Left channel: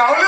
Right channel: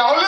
¡Hola!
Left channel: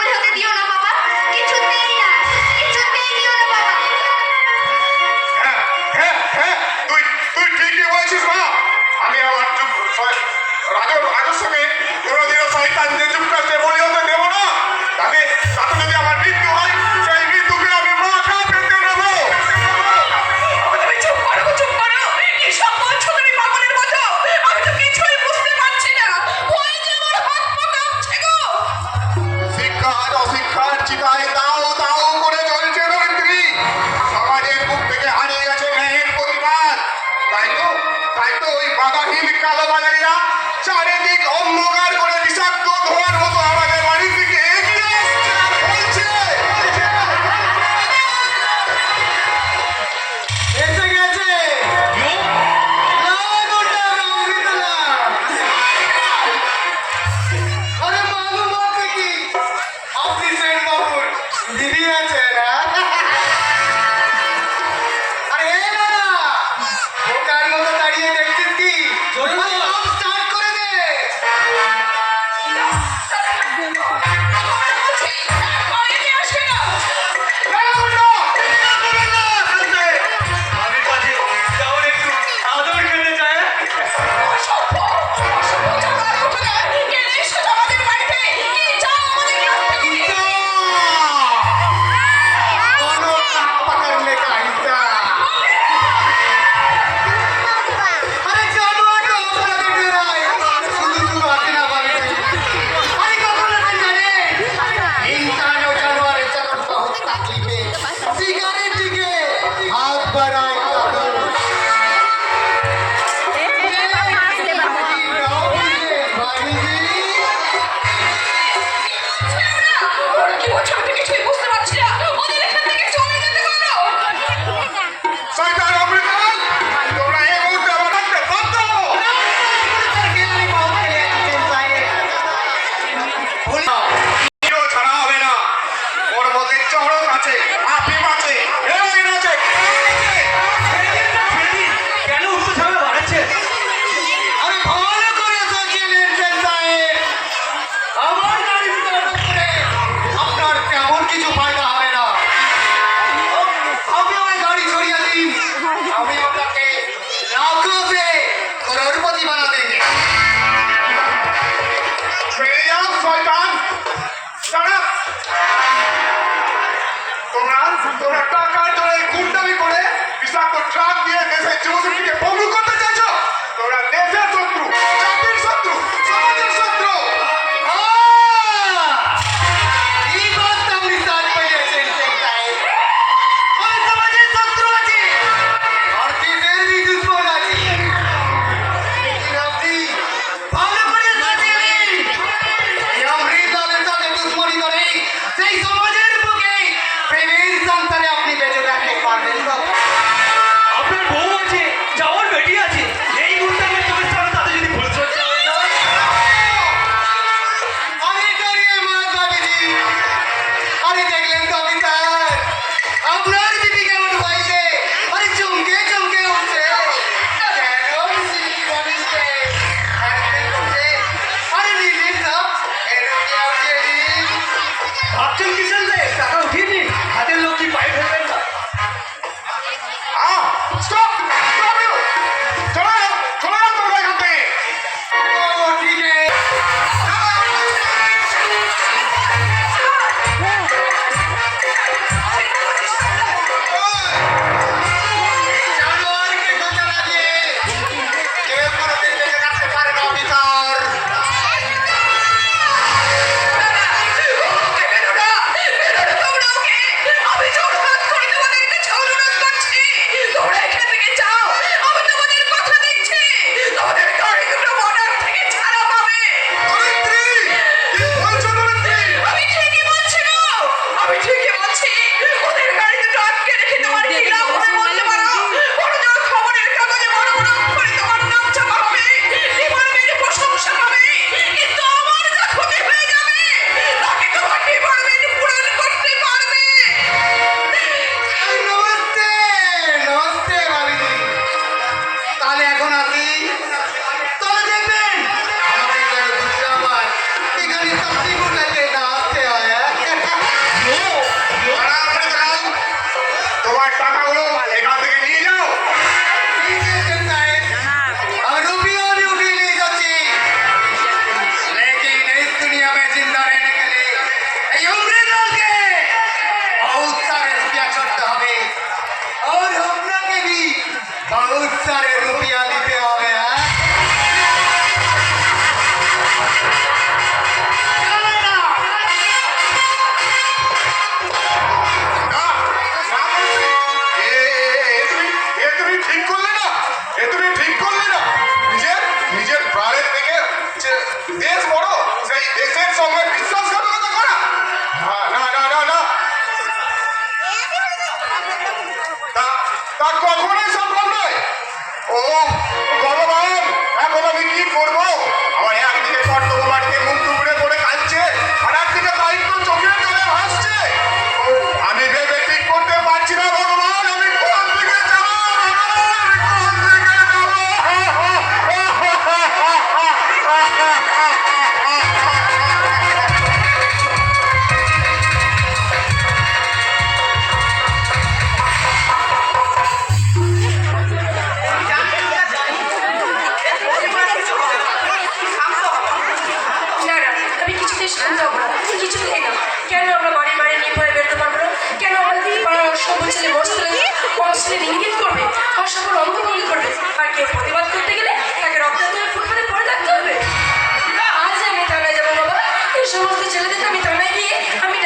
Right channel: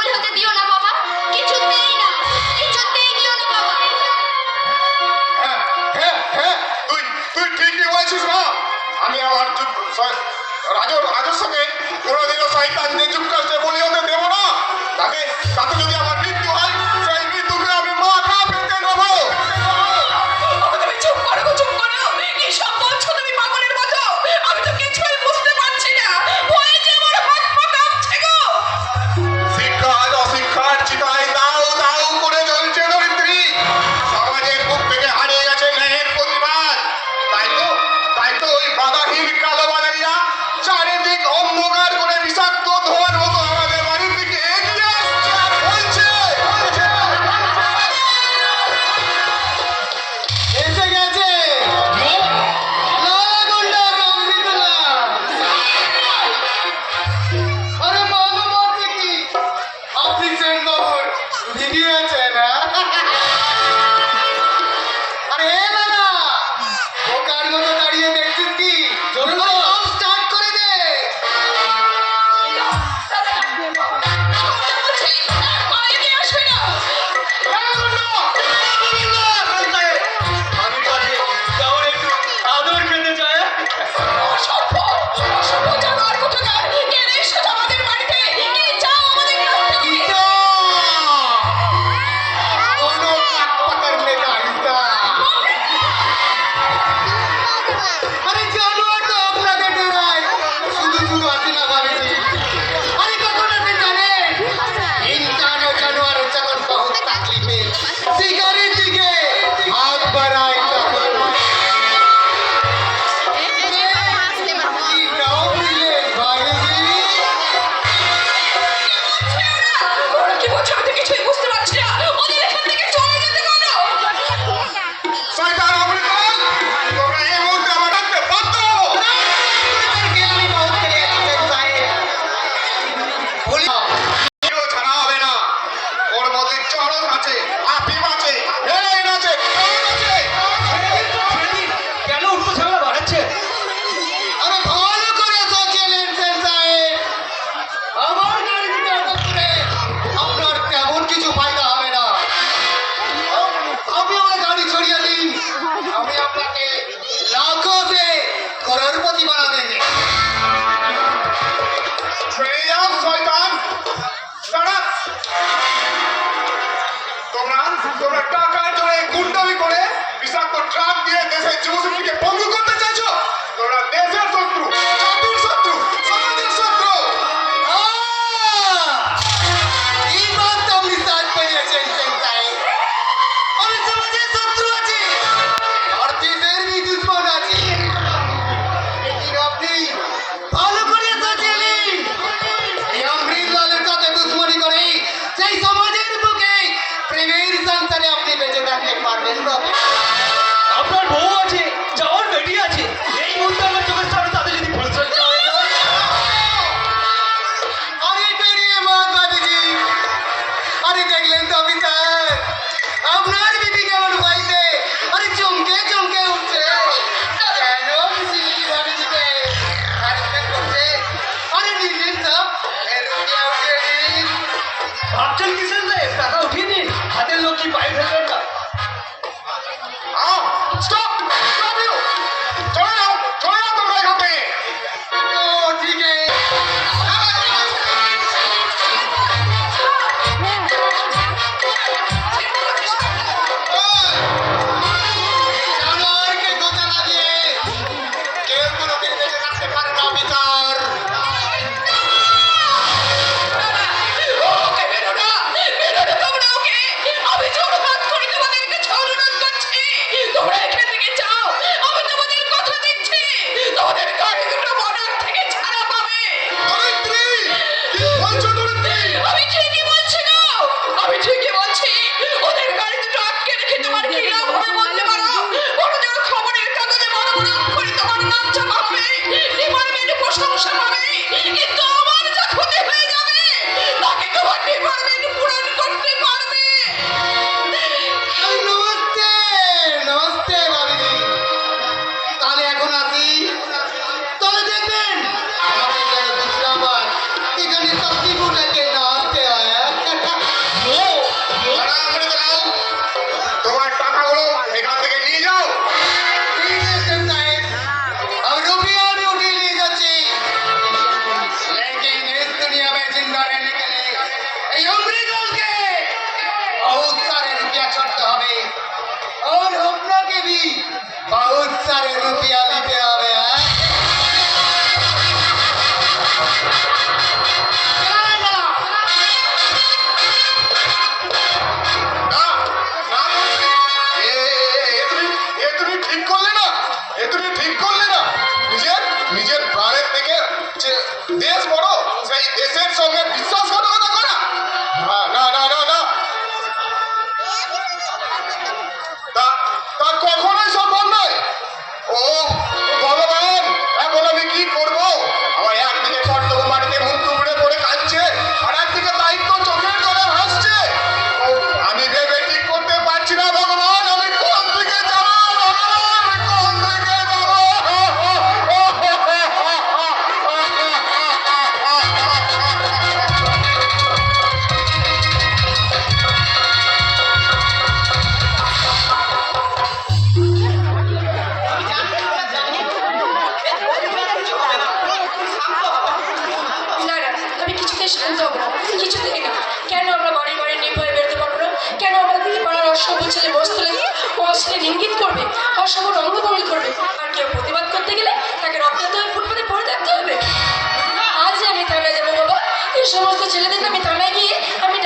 Mrs মা? আমি আমার রাজর রাজর সঙ্গে কোনোদিনও শয়তান যে যুক্ত বলি হতে দেবো না। তাতে তাতে যদি আমার মৃত্যু হয় তো ট্রাম্প দিয়ে দেশের যুবশ্রীকে পঙ্গু করতে চাইছো? তোমরা দেশের শত্রু, জাতির শত্রু, সমাজের শত্রু। সেই সমাজের বুকে প্রেমের সন্তানে আপনি বেঁচে থাকতে পারবেন বাবা আপনার বউ আছে? কিছুতে শান্ত হব না কিছুতেই না। কেন আমরা বাড়ি বাড়ি নিয়ে ভয়ে বেরোতে পারব না? কেন আমাদের দিকে পাড়ার অসভ্য ছেলে মস্ত লাগিয়ে অশ্লীল ইঙ্গিত করবে? অসভ্য রঙ্গভঙ্গি করবে? আর কেউ প্রতিবাদ করতে গেলে তাকে রক্তাক্ত হয়ে ফুটপাতে পড়ে থাকতে হবে। আজ আমি থানায় যাব বাবা। এই সমস্ত ছেলেদেরকে আমি থানায় গিয়ে আমি